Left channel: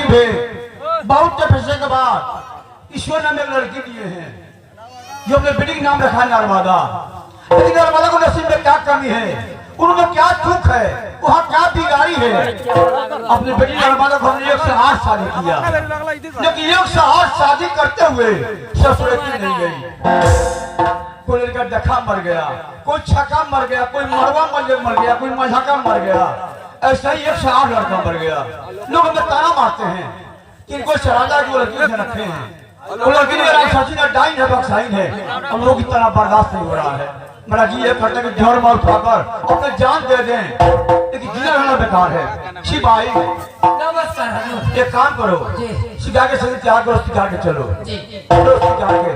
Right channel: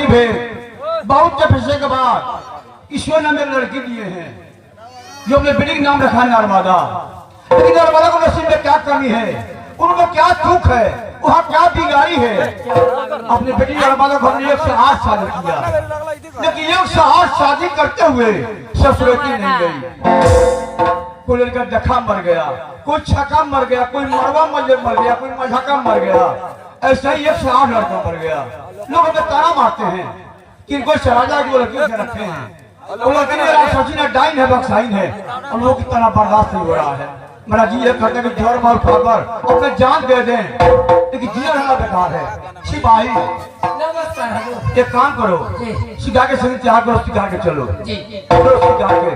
गरीब है, बहुत पैसे के बाद ईश्वर ने हमें लड़की दिए हैं जो अपने बेटे के नाम रखा है नर्मदा। लेकिन नर्मदा को नसीब में क्या कमी है, उनमें क्या चूक है, वहाँ क्या बिगाड़ी है। अपने बेटी नर्मदा को हमने 108 शादी किया, लेकिन 108 शादी करते हुए ससुरती नहीं गई। कोई लड़का डखा मर गया, कोई छक्का मर गया, कोई मरवा मर गया, कोई मजाका मर गया। ऐसा ही 108 लड़का मर गया। लोग हमें ताना मारते हैं कि कोई सराजा की वो लड़की रखे हैं, वो लड़की ने डाइन है, बक्साइन है। हम लोग इतना बर्दाश्त नहीं हो रहा है। मेरा जी ये करते कि जोर मार खाकर अपने जान दे दें, लेकिन जीना रहना बेकार है। सिपाही एक काम करो, सिखा के सही त्याग करो, सिखा के चलो, सिखा के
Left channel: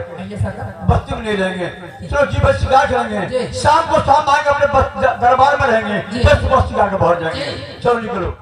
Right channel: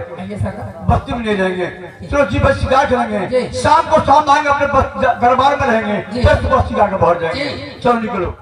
बस्ती में नहीं रहेंगे। चलो जी बस सिखा चलेंगे, शाम को शाम आएंगे, अपने दरबार में रहेंगे, बस सिखा के पहुंच जाएंगे। चलो निकलो।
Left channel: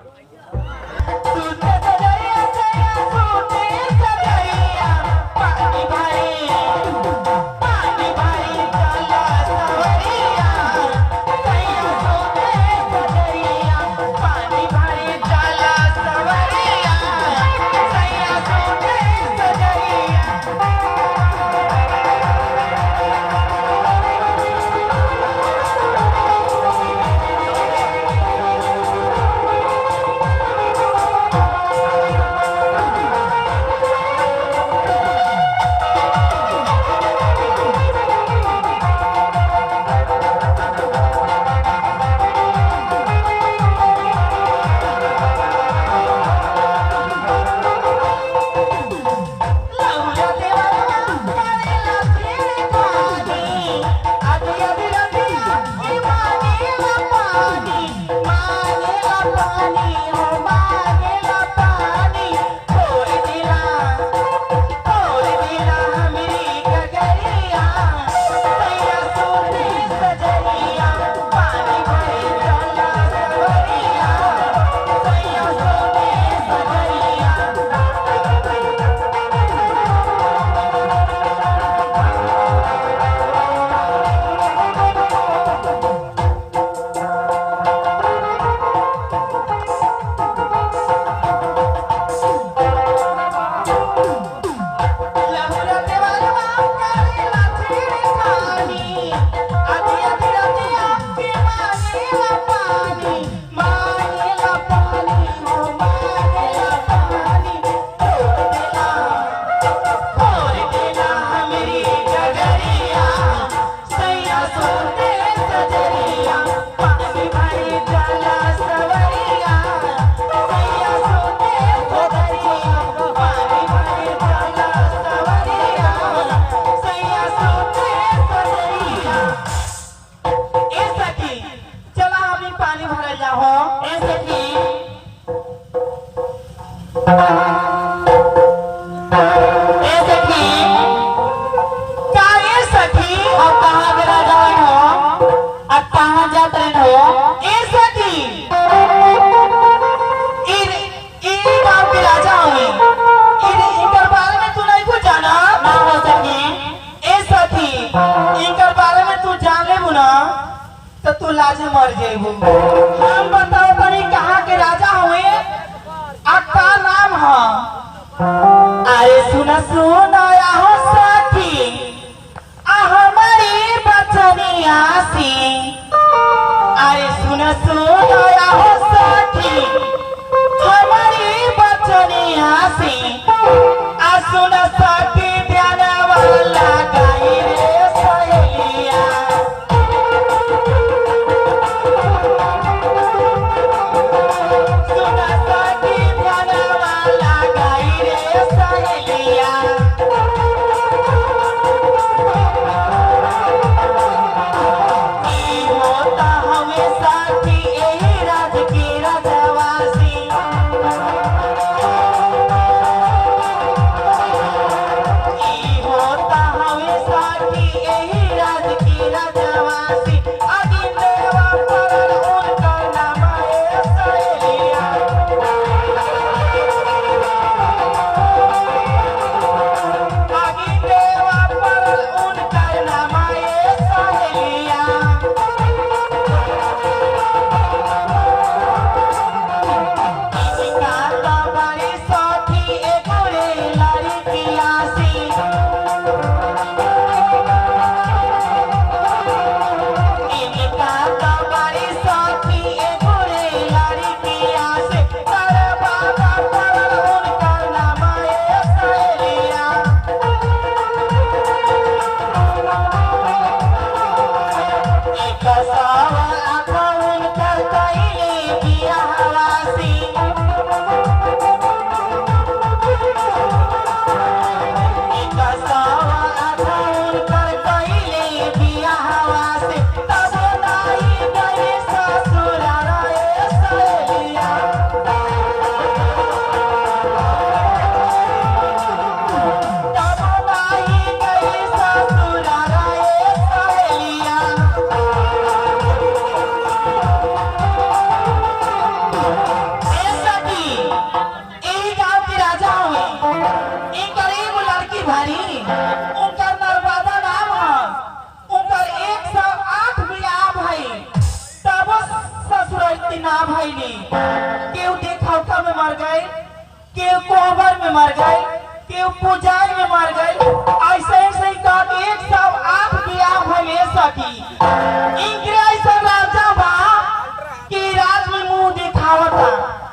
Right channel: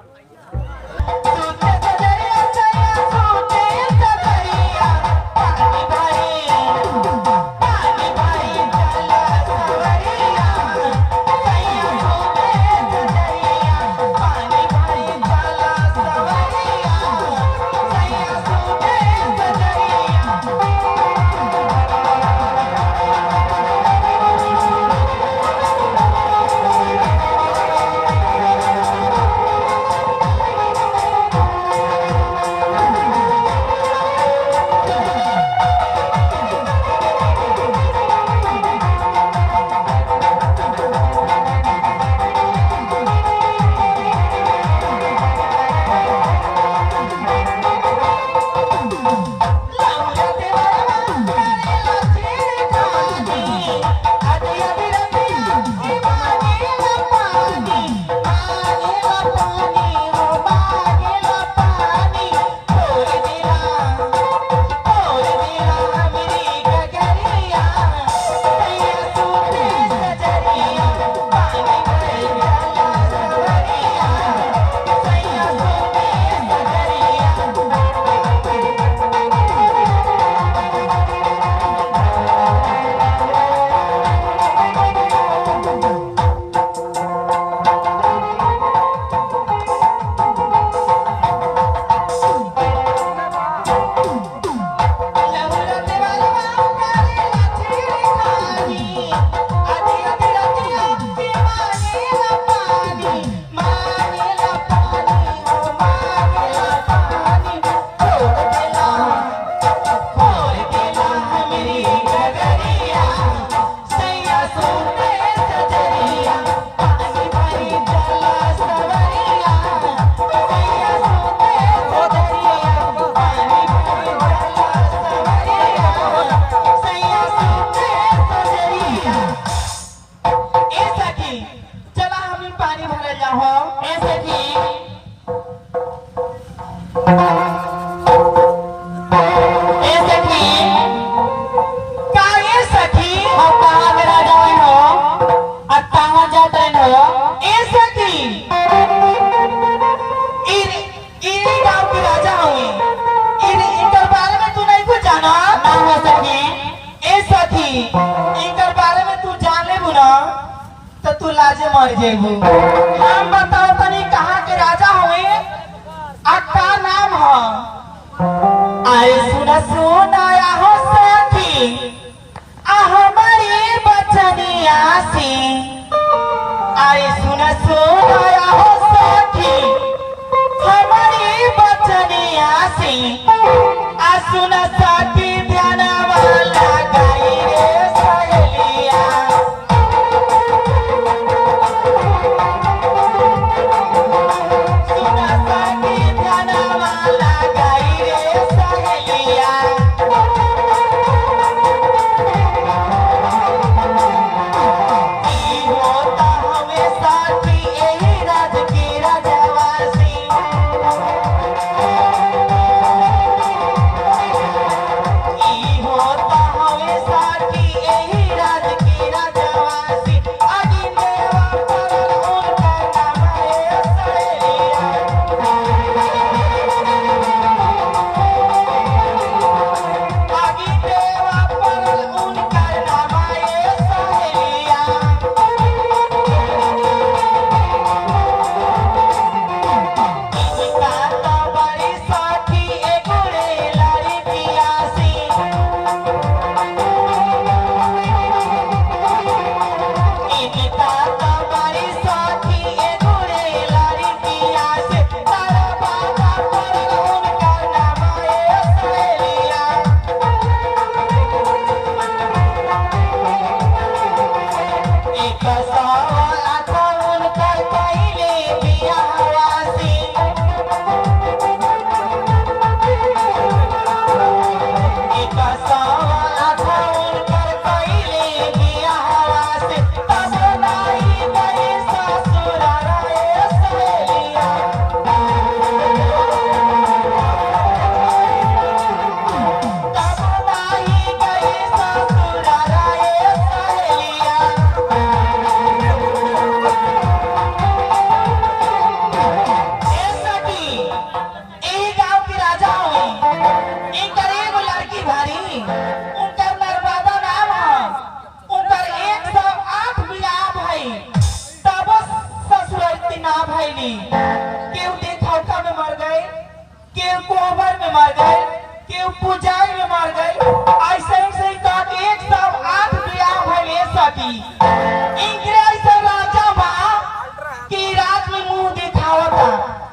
लाजे मर जेबू। हम बताओ तनी कहाँ के राजा हुए, अक्का नाम है। अरे सुना सुना हो सखी, हमारी बचनिया सी। अरे सुना सुना हो सखी, हमारी बचनिया सी। सुना सखी ध्यान वाला गाई रे सहेलिया। ई गरीब लड़की भारी उनका नर्मदा नाम है उनका 108 बियाह भाई तब ससुरती ना भैली केहू देखौका में मर गए केहू कोहबर में मर गए केहू पूजाई में मर गए ऐसे ऐसे ही तो 108 बियाह भइले सकी इंग्रेज ऐसा राजा बा कि रात में मुंह दिखावता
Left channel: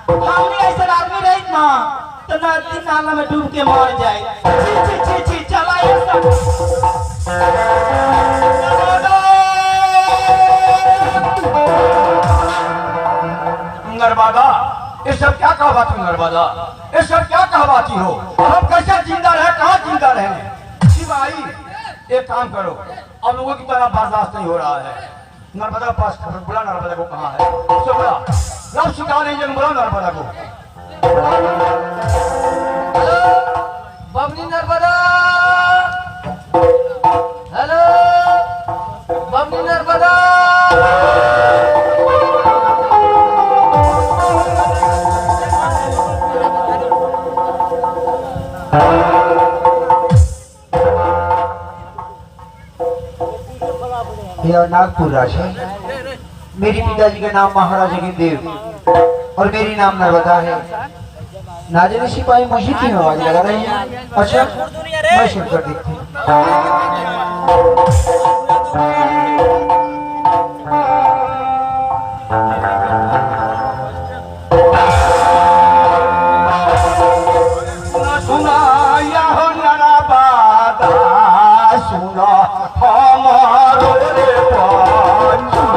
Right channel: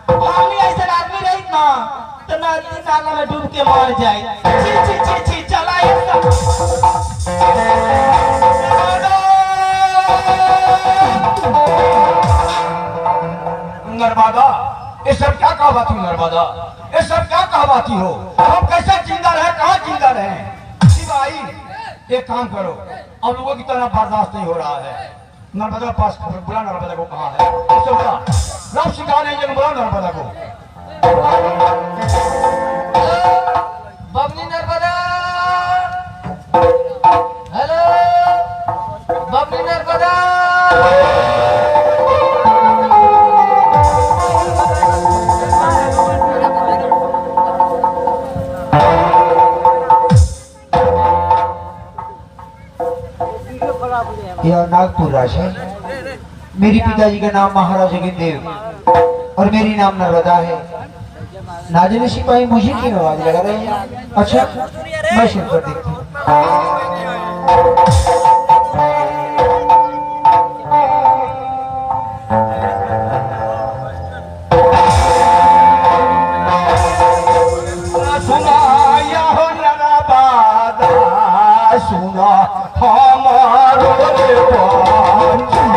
हमने ऐसे आदमी रही ना तो नदी नाला में डूब के मर जाए छी छी छी छी चला नर्मदा ये सब क्या कहवाती हो नर्मदा ये सब क्या कहवाती हो हम कैसे जिंदा रहे कहाँ जिंदा रहे भाई एक काम करो अब लोगों की तरह बर्दाश्त नहीं हो रहा है नर्मदा के पास खबर बुला नर्मदा को कहाँ है उससे बुला रब सिखा नहीं जन बुला नर्मदा को बबनी नर्मदा हेलो बबनी नर्मदा यह नागपुर राशि मेरी पिताजी का नाम महाराज देव और मेरी नाम नर्मदा है। नाजिर सिपाही मुझे की आवाज लगा रही है। अच्छा मैं शुरू कर देखती हूँ। सुना हमारो रे बांझू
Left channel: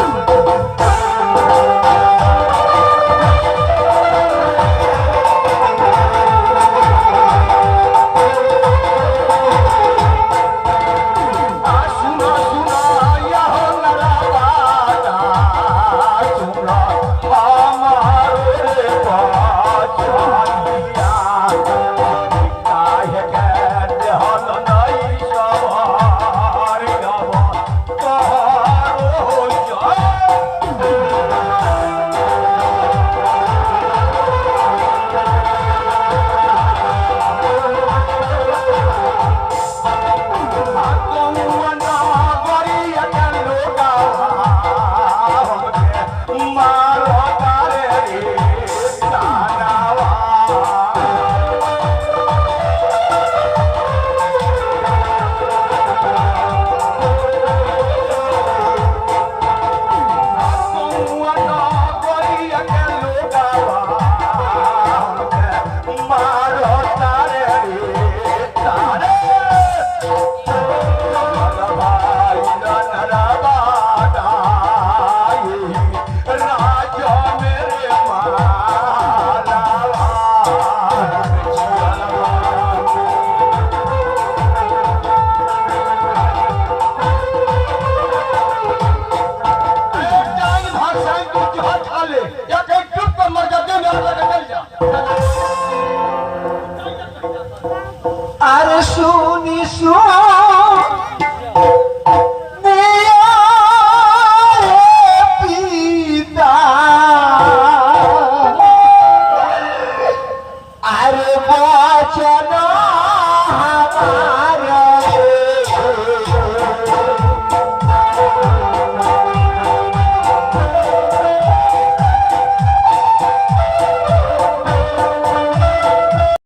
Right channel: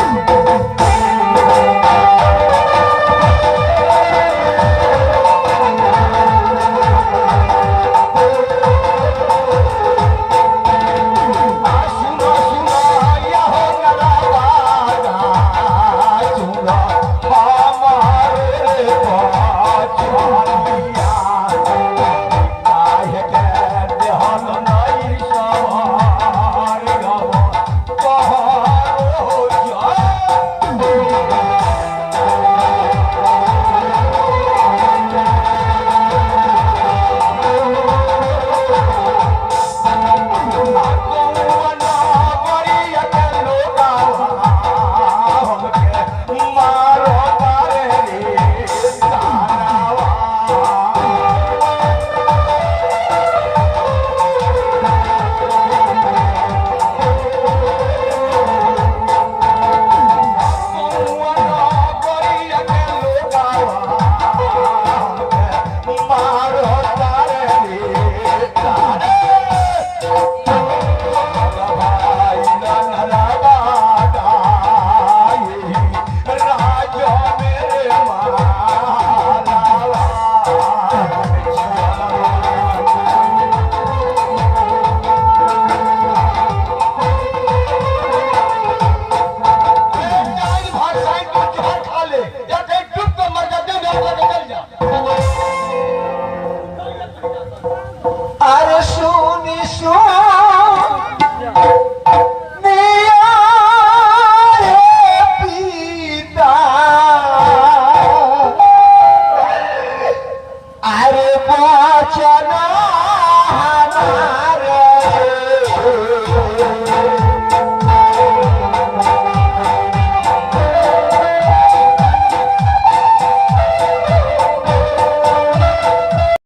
अरे सुनी सुना पिता अरे बचना